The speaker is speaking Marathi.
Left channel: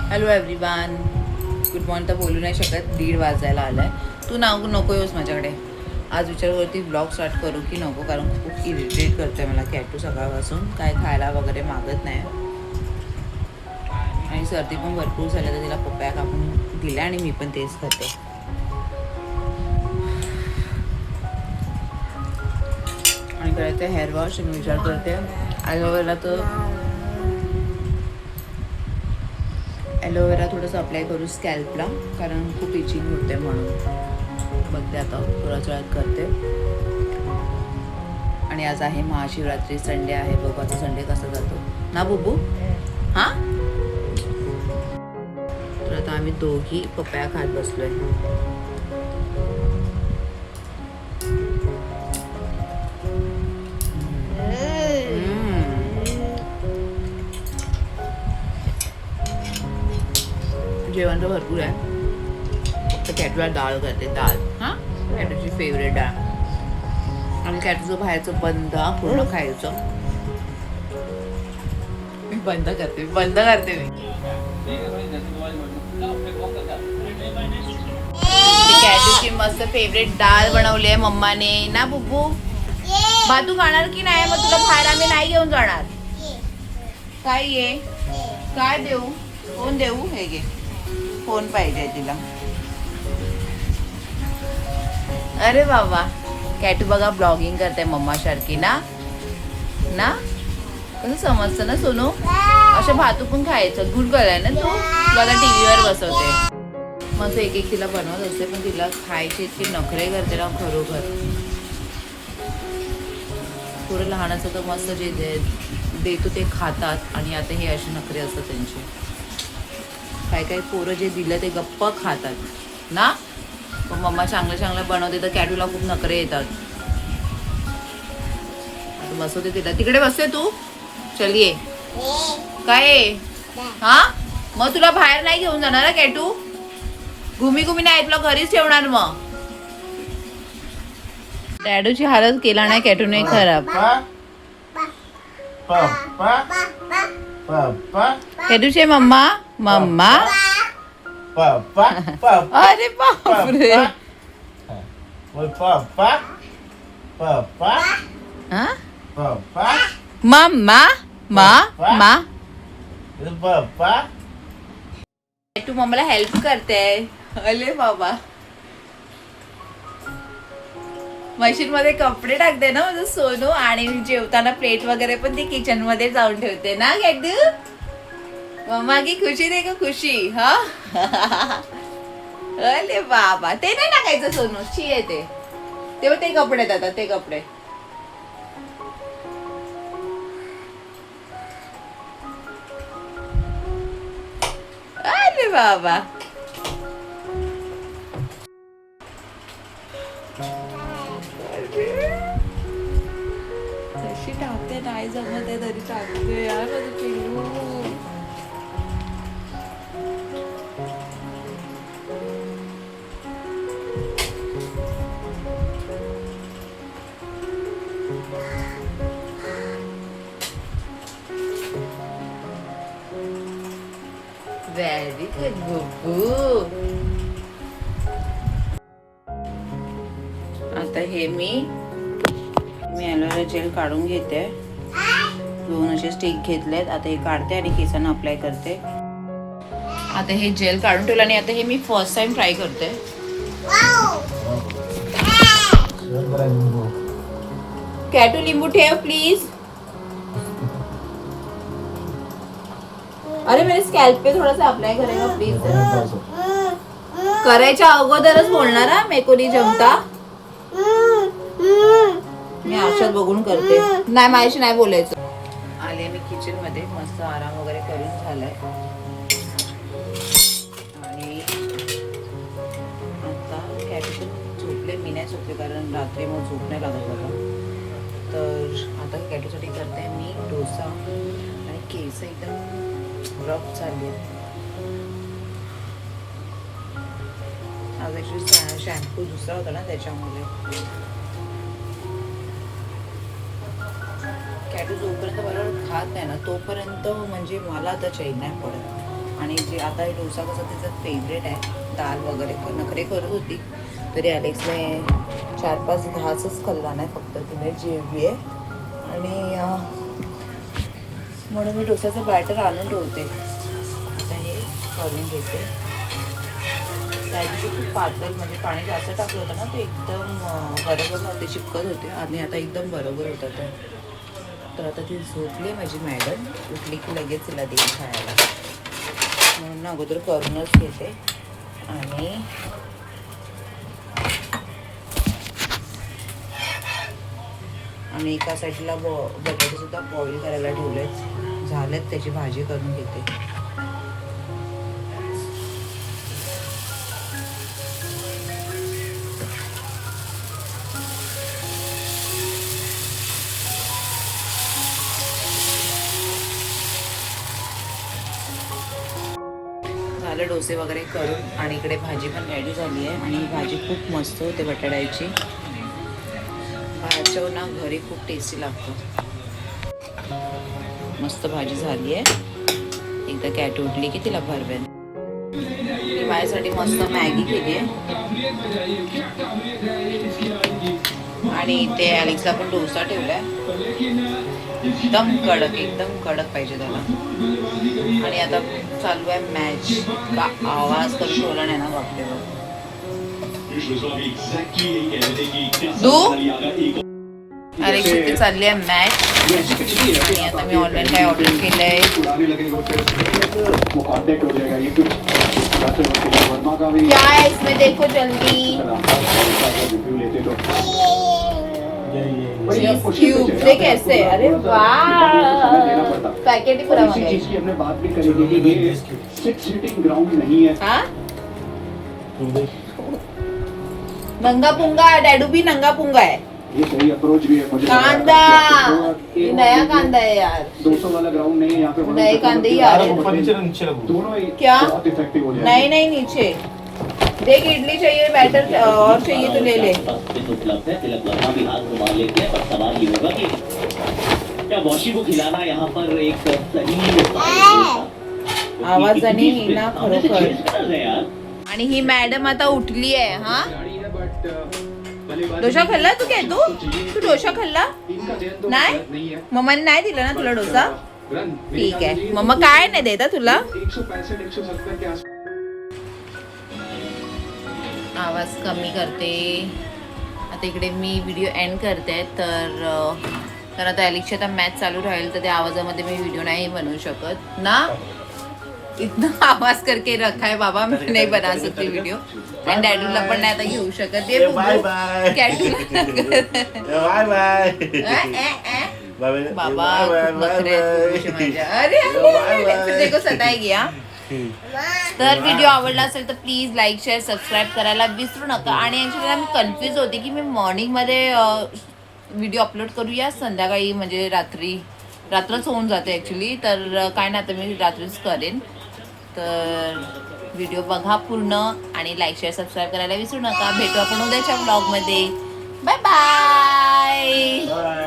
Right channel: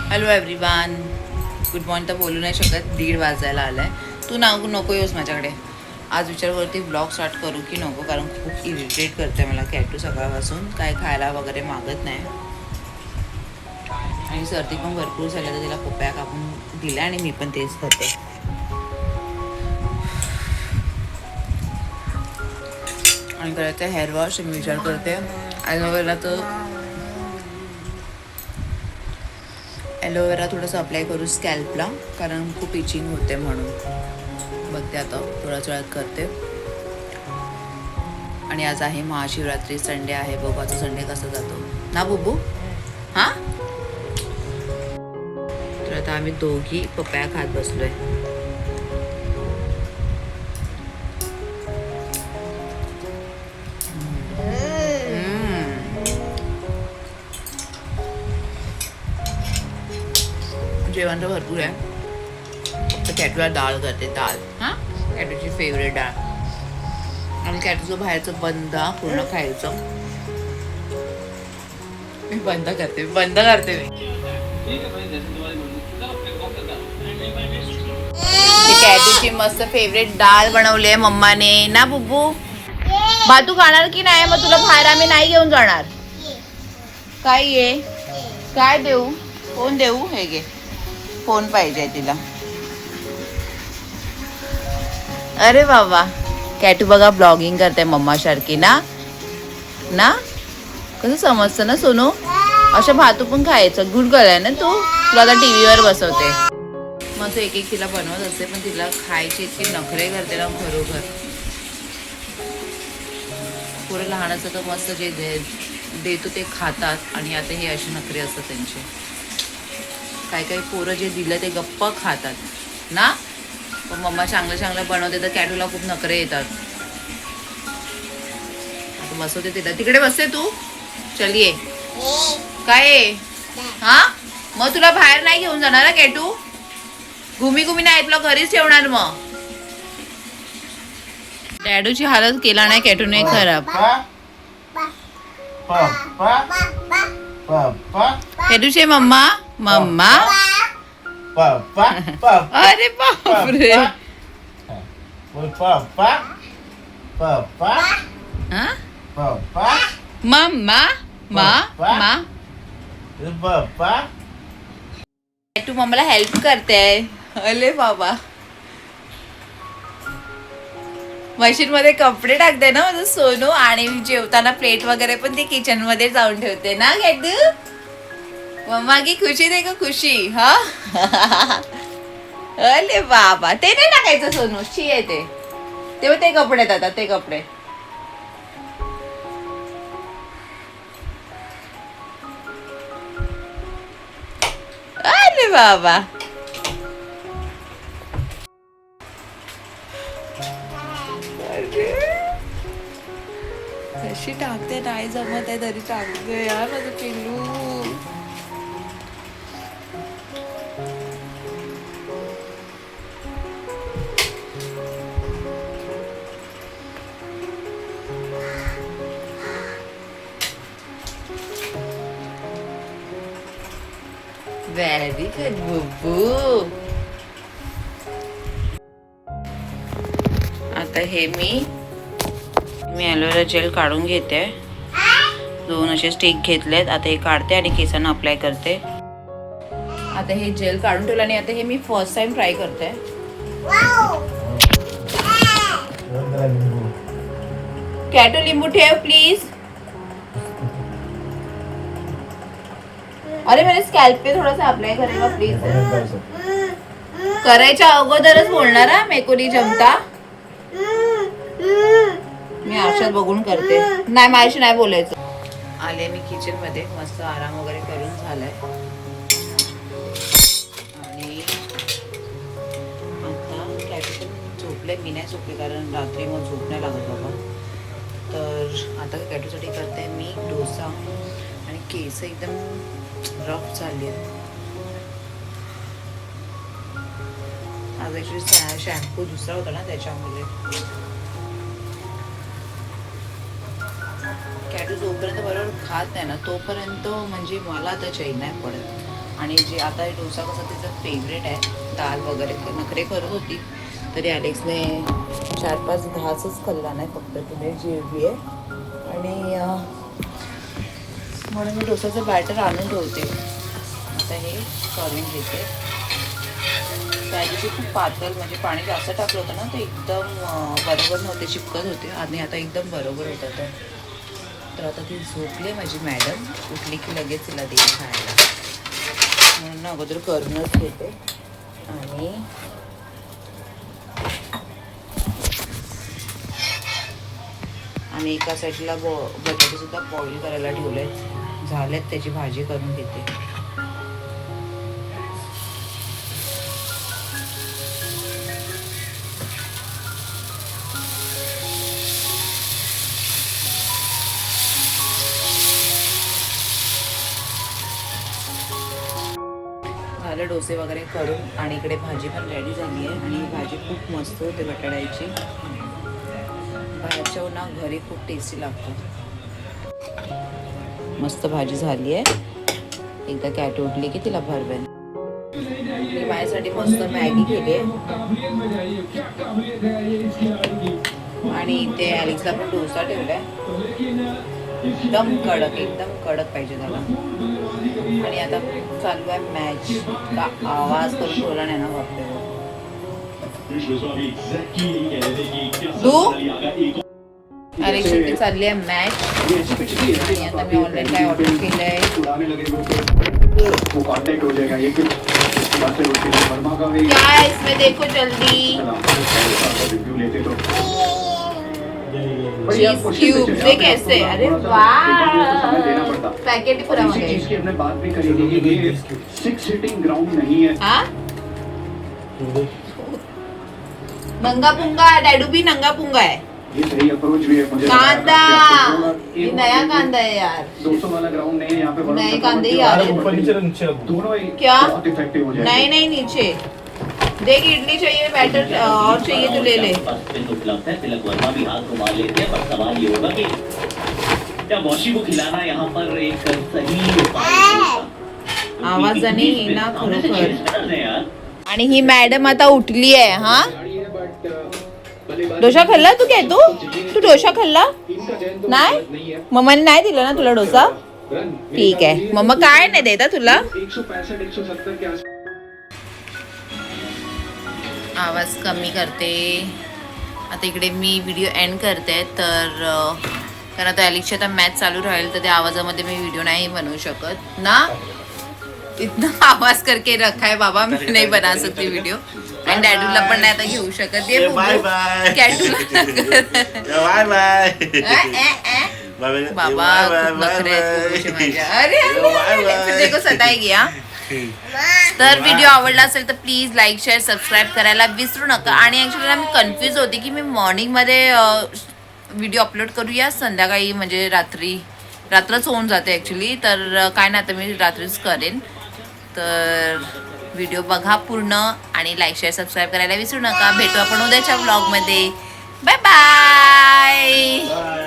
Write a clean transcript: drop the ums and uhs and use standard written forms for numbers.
हॅलो एव्हरीवन, गुड मॉर्निंग तर बोलू नाही शकत, 1:30 वाजायला आला आहे. तू नको येऊस माझ्याकडे. आज विचारवरती ब्लॉग स्टार्ट करू की नको, कारण खूप इरिटेट करते मला कॅटू सकाळपासून. काय खायला वगैरे मागत नाही आणि सर्दी पण भरपूर झाली, तर तिला पपया कापून दिल्या आणि मी पण तेच खाते. आणि करायचं हेअर वॉश. मी विचार करते ॲलोवेरा थोडंसं अप्लाय करू स्कॅल्पला, कारण खूप इचिंग होते म्हणून. बघते आता थोड्याच वेळात करते. आणि आज आहे महाशिवरात्री, संडे आहे. बघू आता संडे कसा जातो ना बुबू. हां, तर आता आम्ही दोघी पपया खात बसलोय. जेवण तर भरपूर आहे, फक्त कॅटूला डाळ करते. डाळ, हां, कॅटूची फेवरेट डाळ. आणि कॅटूचं बाहेरचं बंद पूर्ण खायचं. मी बंद करते मी कॅटूची मस्त फेवरेट डाळ बनवली आहे मम्माने ना बुब्बू. भातू खाणार की नाही? मग तुला बाहेर आम्ही नाही घेऊन जाणार. काय ये, काय देऊ? फोन देऊ? हे घे, फोन पाहिजे तिला. अरे बाबा, कॅटू बघा ब्लॉगिंग करते मम्मा सारखी ना. कसं समजतं ना सोनू. अशा भातू पण खायचं. गुड गर्ल आहे ना तू. तुला आता टीव्हीवर बसवते. मग एक एक तिला बनवत असते, पण तिला खायचे इतके नखरे करते ना खरोखर. पुरं लहान असतं तर मस्त जे देतो ते खातात, आणि आता हे असे नखरे असतात त्यांचे. काही पोरं जे दिलं ते गप्प खातात ना. पण मम्मा चांगलं बनवते तर कॅटूला खूप नखरे येतात. आता बसवते तिला. तिकडे बसते तू. चल ये. काय हा, मग तुला बाहेर नाही घेऊन जाणार ना कॅटू. घुमी नाही, तुला घरीच ठेवणार. मग कॅटूची हालत केला नाही कॅटूने खराब. कॅटूचे मम्मा मम्मा. अरे बापरे. मम्मा मा कॅटू मम्माला हेल्प करते. अरे बाबा, मशीन मध्ये कपडे टाकते ना माझं सोनू. आणि जेवताना प्लेट वगैरे पण ती किचन मध्ये जाऊन ठेवते ना कॅटू. मम्मा की खुशी दे का खुशी. हा अरे बाबा, ते नाही टाकायचं सोनू. शी येते तेव्हा. ते कपडे आता ते कपडे. अरे बाबा, कशी टाकते. नाही जमत आहे तरी टाकते यार माझं पिल्लू. व्हेरी गुड बुब्बू. आता हे मी ॲलोवेरा जेल काढून घेते. 2 असे स्टिक घेतलेत. आता हे काढते आणि केसांना अप्लाय करते. आता हे जेल काढून ठेवलं आणि आता हे मी फर्स्ट टाइम ट्राय करते. कॅटू लिंबू ठेव प्लीज. अरे मेरे स्कॅल्प पे थोड़ा सा अप्लाई करेगा प्लीज. करायच्या अगोदरच बोलणार हा, मेको नाही जमता. मी आरशात बघून करते. नाही, माझ्याशी नाही बोलायचं. आले मी किचन मध्ये, मस्त आराम वगैरे करून झालाय. आणि आता कॅटू झोपले. मी नाही झोपले, कारण रात्री मग झोप नाही लागत बाबा. तर आता कॅटूसाठी करते मी डोसा. आणि केस एकदम रफ झाली आहेत. आज ॲक्च्युली शॅम्पू दुसरा होता ना, त्याच्यामुळे. कॅटू जोपर्यंत बरोबर खात नाही ना, तोपर्यंत म्हणजे मला आता चैन नाही पडत. आणि जे आता हे डोसा कसा तिचा फेवरेट आहे, दाल वगैरे नखरे करत होती तरी ॲलेक्सने 4-5 घासच खाल्ला नाही, फक्त तिने जेवली आहे. आणि म्हणून मी डोसाचं बॅटर आणून ठेवते. आता हे करून घेते. त्या दिवशी खूप पातळ म्हणजे पाणी जास्त टाकलं होतं ना, ते एकदम बरोबर नव्हते, चिपकत होते. आणि आता एकदम बरोबर होतं. तर आता ती झोपली माझी मॅडम, उठली की लगेच तिला देईल खायला, म्हणून अगोदर करूनच घेते. आणि एका साईडला बटाटे सुद्धा बॉईल करायला ठेवलेत, झालेत, त्याची भाजी करून घेते. झालं डोसे वगैरे करून, आणि इकडे भाजी पण रेडी झाली आहे. आणि ही भाजी खूप मस्त होते बटाट्याची. बाहेरच्या ना घरी खूप टेस्टी लागतं. मस्त भाजी झाली आहे. एकदा कॅट उठली की तिला भरवेन. मी माझ्यासाठी मस्त मॅगी केली आहे. आणि इथे ॲलेक्सला पण डोसा ठेवलाय, एकदम कडक पाहिजे त्याला. आणि आता चालू आहे मॅच. इतका आवाज करून ठेवला नाही ना बापरे. ॲलेक्स इथे चालली आहे मॅच. आणि आता मी ऑनलाईन काय ऑर्डर केलंय. क्या है इसमें देखो जल्दी. चीज क्यूब से कैसे, अरे वाह, पैकेट ही पूरा नंगा पुंगा है, डैडू भी नंगा पुंगा है. ये सही अप्रोच भी है मुझे. कांदा, ये नया कांदा है यार. 200 वाला ग्राउंड नहीं है यहाँ पे. नए कांदे ही आ रहे हैं. दोनों क्या? बहुत इफेक्टिव हो जाएंगे. नहीं नीचे देख, इडली चाहिए, बैटर और चाहिए तो ले ले. उपलब्ध है. तिलक वर्मा भी हाथ घुमा लेते हैं, पर सवाल ये होगा कि क्या वॉशी को खिलाना यहाँ पर एक सही आवाजाने ना खरोखर. आणि ही मॅडम आता उठली आहे. हा डोसा खाल्ला तू? काय तू डोसा खाल्ला नाही? मम्माने नाही दिला ना तुला डोसा? ठीक आहे, मम्मा काय नाही देता तुला. 165-170 के आसपास. आवाज कमी करते. आता इकडे मी व्हिडिओ एंड करते. तर कारण आता ॲलेक्सची आता मॅच चालू राहील, तर त्या आवाजामध्ये मी व्हिडिओ नाही बनवू शकत ना. इतना आवाज करके रखा है बाबा, मैं नहीं बना सकती वीडियो. आणि डॅडूला पण नाही आता घेऊ शकत. ये कॅटूला बाबा खूप नखरे आहेत बुबूचे माझ्या. अरे फिर देखो सताएगी. हा तर व्हिडिओ आवडला असेल तर प्लीज लाईक शेअर सबस्क्राईब करायला विसरू नका. आणि ॲक्च्युली मी कन्फ्यूज होते की मी मॉर्निंगमध्ये व्हिडिओ अपलोड करूया संध्याकाळी, म्हणजे रात्रच होऊन जाते ॲक्च्युली. तर काय नाही, आता मी रात्रीच करेन. तर व्हिडिओ बघा पूर्ण आणि लाईक शेअर सबस्क्राईब करायला विसरू नका. भेटू आपण उद्याच्या व्लॉगमध्ये. Bye bye.